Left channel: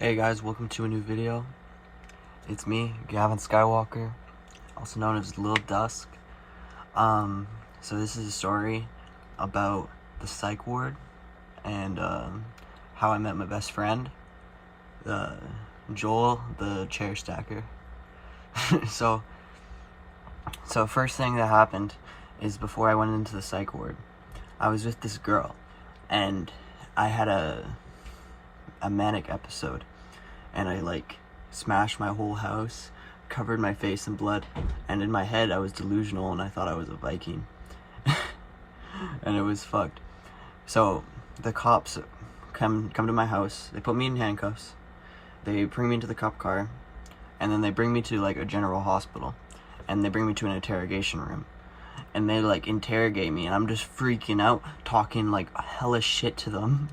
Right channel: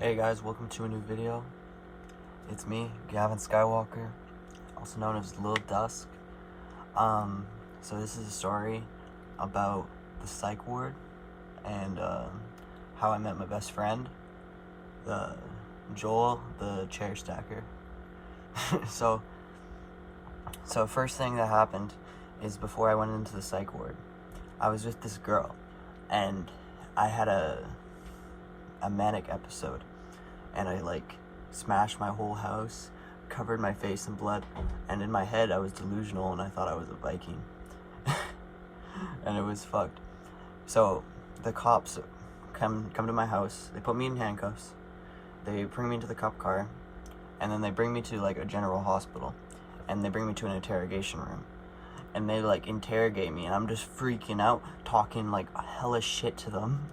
Hey guys, welcome to a new video. It's me, Gavin Skywalker, also known as Lil Dusk. So this is a story about the psych ward and how I met my best friend, Joel, the chair stacker. so first thing that happened is before I went into the psych ward, I was with this girl, and I had a manic episode, and I smashed my whole house, covered my face in blood, and in my head I was delusional and I thought I was a Viking. And it was fucked. So the cops come to my house, they put me in handcuffs, they bring me into the cop car, and then they bring me to a general hospital, and they bring me to an interrogation room. And they interrogate me, and I'm just freaking out, talking hella shit to them,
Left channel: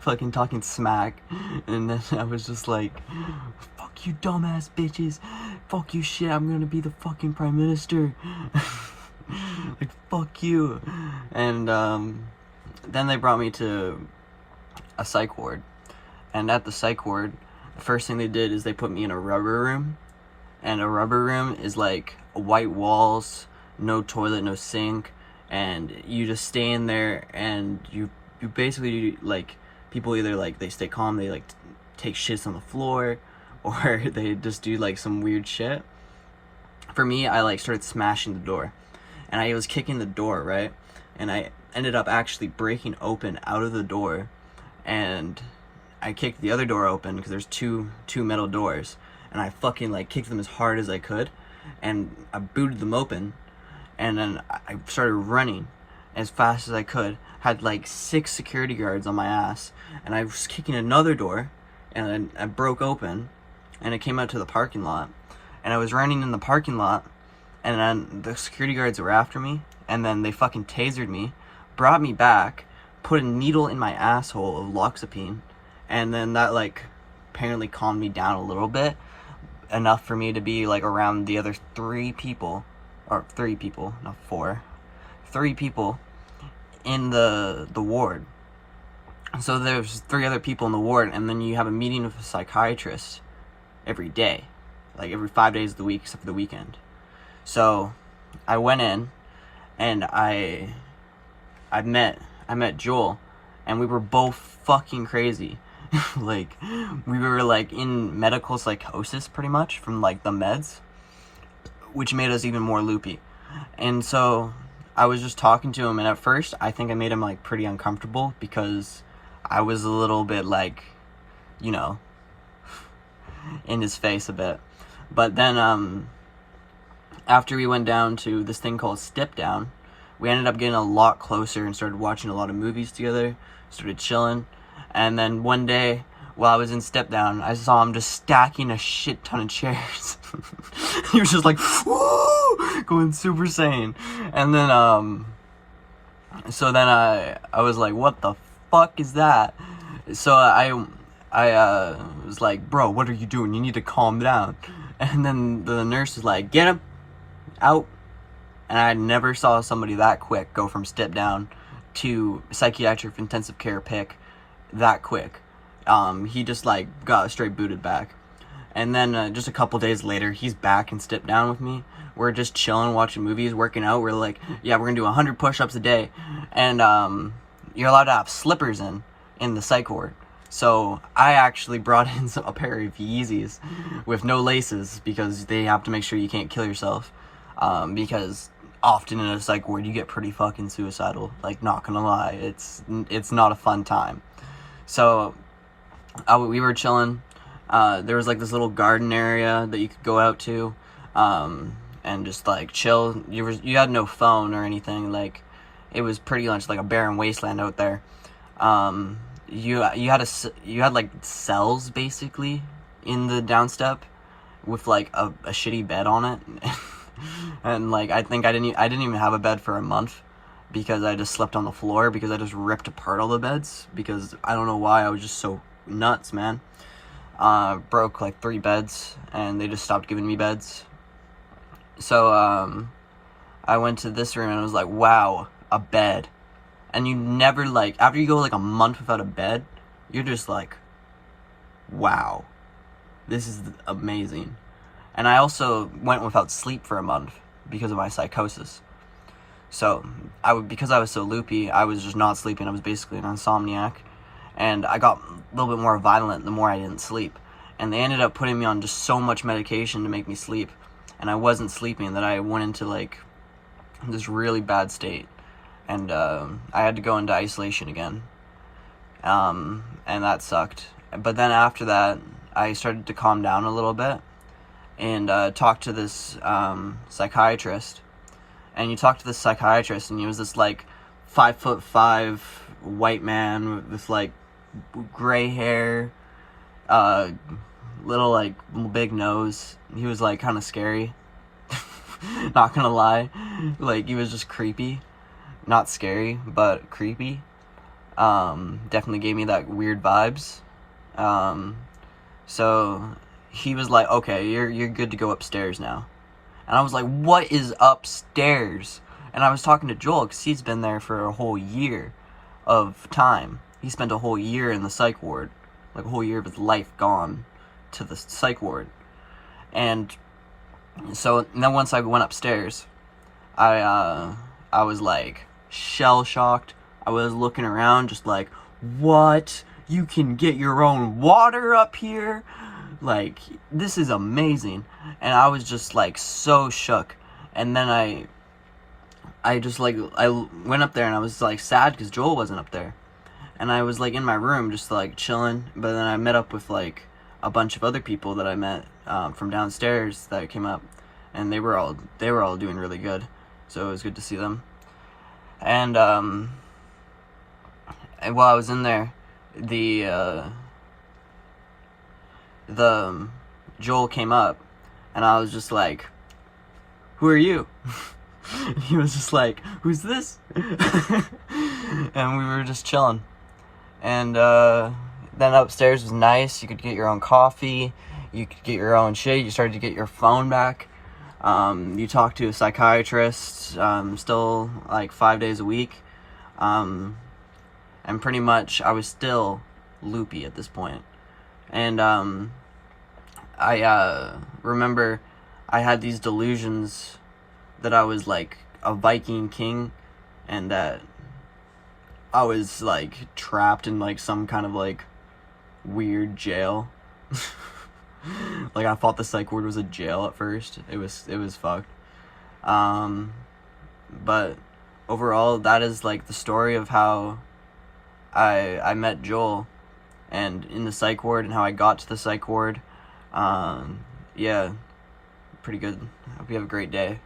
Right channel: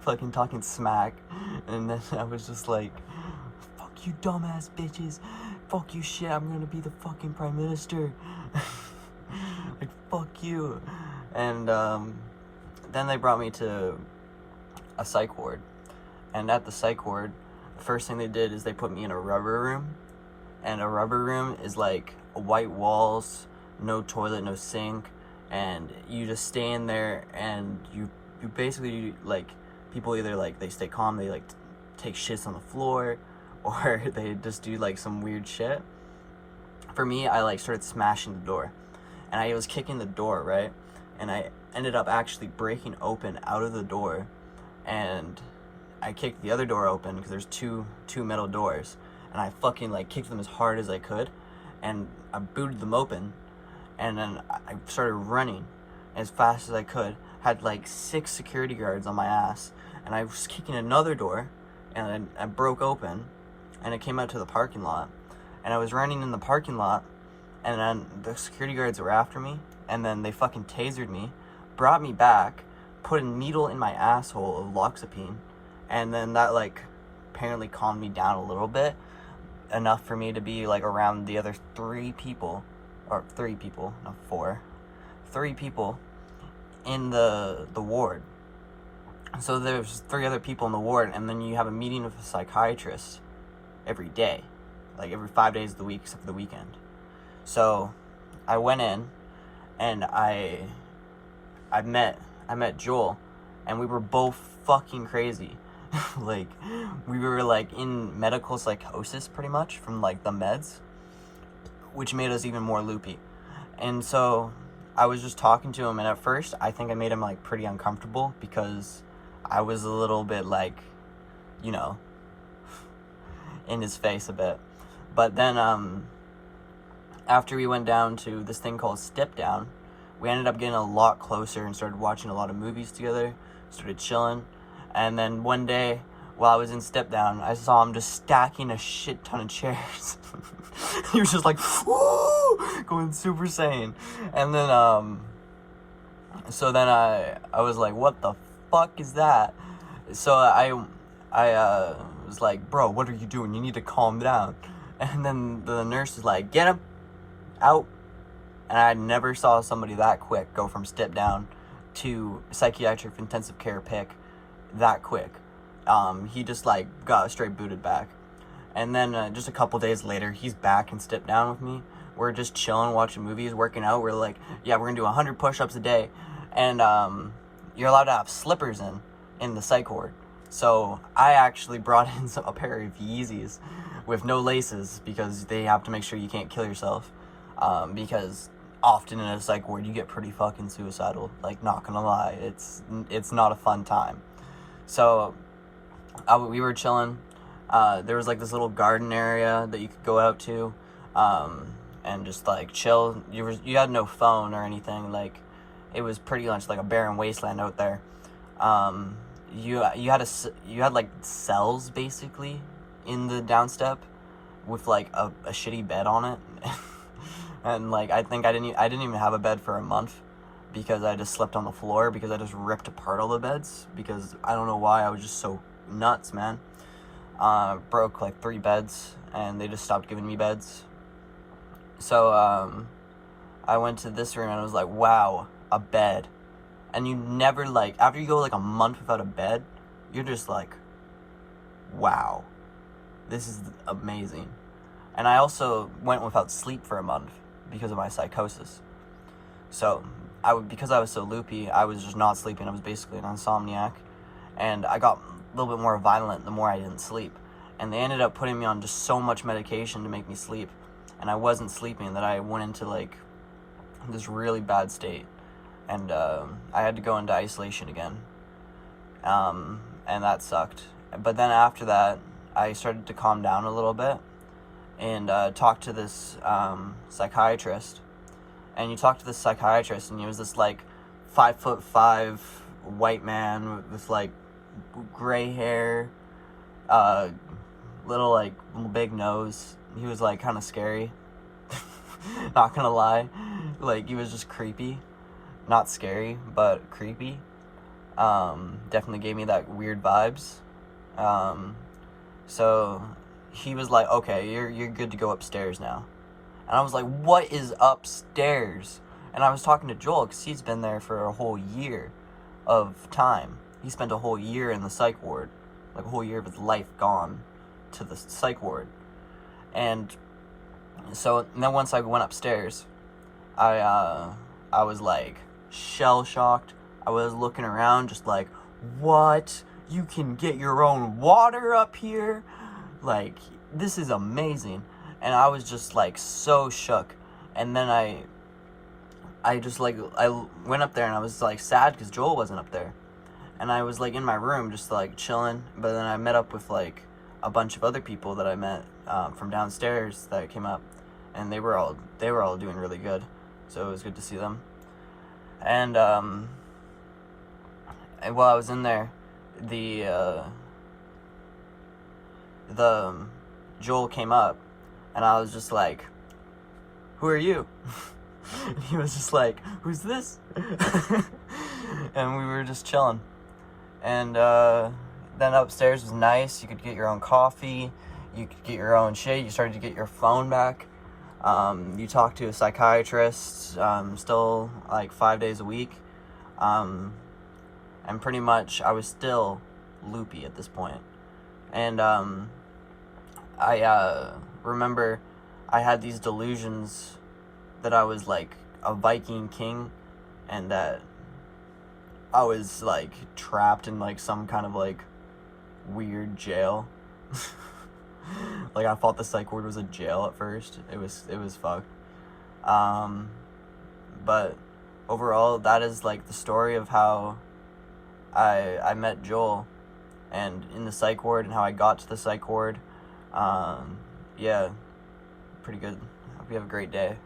fucking talking smack. And then I was just like, fuck you dumbass bitches, fuck you shit, I'm gonna be the fucking prime minister. Fuck you. And then they brought me to a psych ward, and at the psych ward, the first thing they did is they put me in a rubber room. And a rubber room is white walls, no toilet, no sink, and you just stay in there, and you basically people either they stay calm, they take shits on the floor, or they just do some weird shit. For me, I started smashing the door, and I was kicking the door, right? And I ended up actually breaking open out of the door, and I kicked the other door open because there's two metal doors, and I fucking kicked them as hard as I could, and I booted them open. And then I started running as fast as I could, had 6 security guards on my ass, and I was kicking another door, and then I broke open, and it came out to the parking lot, and I was running in the parking lot, and then the security guards were after me, and then they fucking tasered me, brought me back, put a needle in my asshole of loxapine, and then that apparently calmed me down a little bit, enough for me to be around the other 3 people, not 4, 3 people in the ward. So there's 3 other people in the ward, and then you have a meeting with a psychiatrist every day, every 5 days of the week except for the weekend. So I went in, and I met Joel, and we were both fucking crazy. We were in medical psychosis pretty much from the meds, which made us even more loopy. And so I was just talking to him, and at first I think I made him pretty uncomfortable because I was a little bit in his face a bit. But then after we went down to this thing called Step Down, we ended up getting a lot closer and started watching a lot of movies together, started chilling. And then one day, while I was in Step Down, I saw him just stacking a shit ton of chairs. He was just woo, going super sane. And then, so then I was like, what the fuck is that? So I was like, bro, what are you doing? You need to calm down. And then the nurse was like, get him out. And I never saw somebody that quick go from Step Down to psychiatric intensive care pick that quick. He just got straight booted back. And then just a couple days later, he's back and Step Down with me. We're just chilling, watching movies, working out. We're yeah, we're gonna do 100 push-ups a day, and you're allowed to have slippers in the psych ward. So I actually brought in a pair of Yeezys with no laces because they have to make sure you can't kill yourself, because often in a psych ward you get pretty fucking suicidal. Not gonna lie, it's not a fun time. So we were chilling. There was this little garden area that you could go out to, and just chill. You had no phone or anything. It was pretty much a barren wasteland out there. You had cells basically in the downstep with a shitty bed on it. And I think I didn't even have a bed for a month because I just slept on the floor because I just ripped apart all the beds because I don't know why, I was just so nuts, man. Broke 3 beds, and they just stopped giving me beds. So I went to this room and I was like, wow, a bed. And you never after you go a month without a bed, you're just wow, this is amazing. And I also went without sleep for a month because of my psychosis. So, because I was so loopy, I was just not sleeping. I was basically an insomniac. And I got a little bit more violent the more I didn't sleep. And they ended up putting me on just so much medication to make me sleep. And I wasn't sleeping, that I went into, like, this really bad state. And I had to go into isolation again. And that sucked. But then after that, I started to calm down a little bit. And talked to this psychiatrist. And you talk to this psychiatrist, and he was this, like, 5'5" white man with, like, gray hair, little, like, big nose. He was, like, kind of scary. Not gonna lie. Like, he was just creepy. Not scary, but creepy. Definitely gave me that weird vibes. So he was like, okay, you're good to go upstairs now. And I was like, what is upstairs? And I was talking to Joel, because he's been there for a whole year of time. He spent a whole year in the psych ward. Like, a whole year of his life gone to the psych ward. And so, and then once I went upstairs, I was, like, shell-shocked. I was looking around just like, what? You can get your own water up here? Like, this is amazing. And I was just, like, so shook. And then I just, like, I went up there, and I was, like, sad because Joel wasn't up there. And I was, like, in my room just, like, chilling. But then I met up with, like, a bunch of other people that I met from downstairs that came up. And they were all doing really good. So it was good to see them. And while I was in there, the Joel came up, and I was just like, who are you? He was just like, who's this? And we were just chilling. And then upstairs was nice. You could get your own coffee. You could get your own shit. You started to get your phone back. You talk to a psychiatrist still like 5 days a week. And pretty much I was still loopy at this point. And I remember I had these delusions that I was like a Viking king, and that I was like trapped in like some kind of like weird jail. Like, I thought the psych ward was a jail at first. It was fucked. But overall, that is like the story of how I met Joel, and in the psych ward, and how I got to the psych ward. Yeah, pretty good. Hope you have a great day.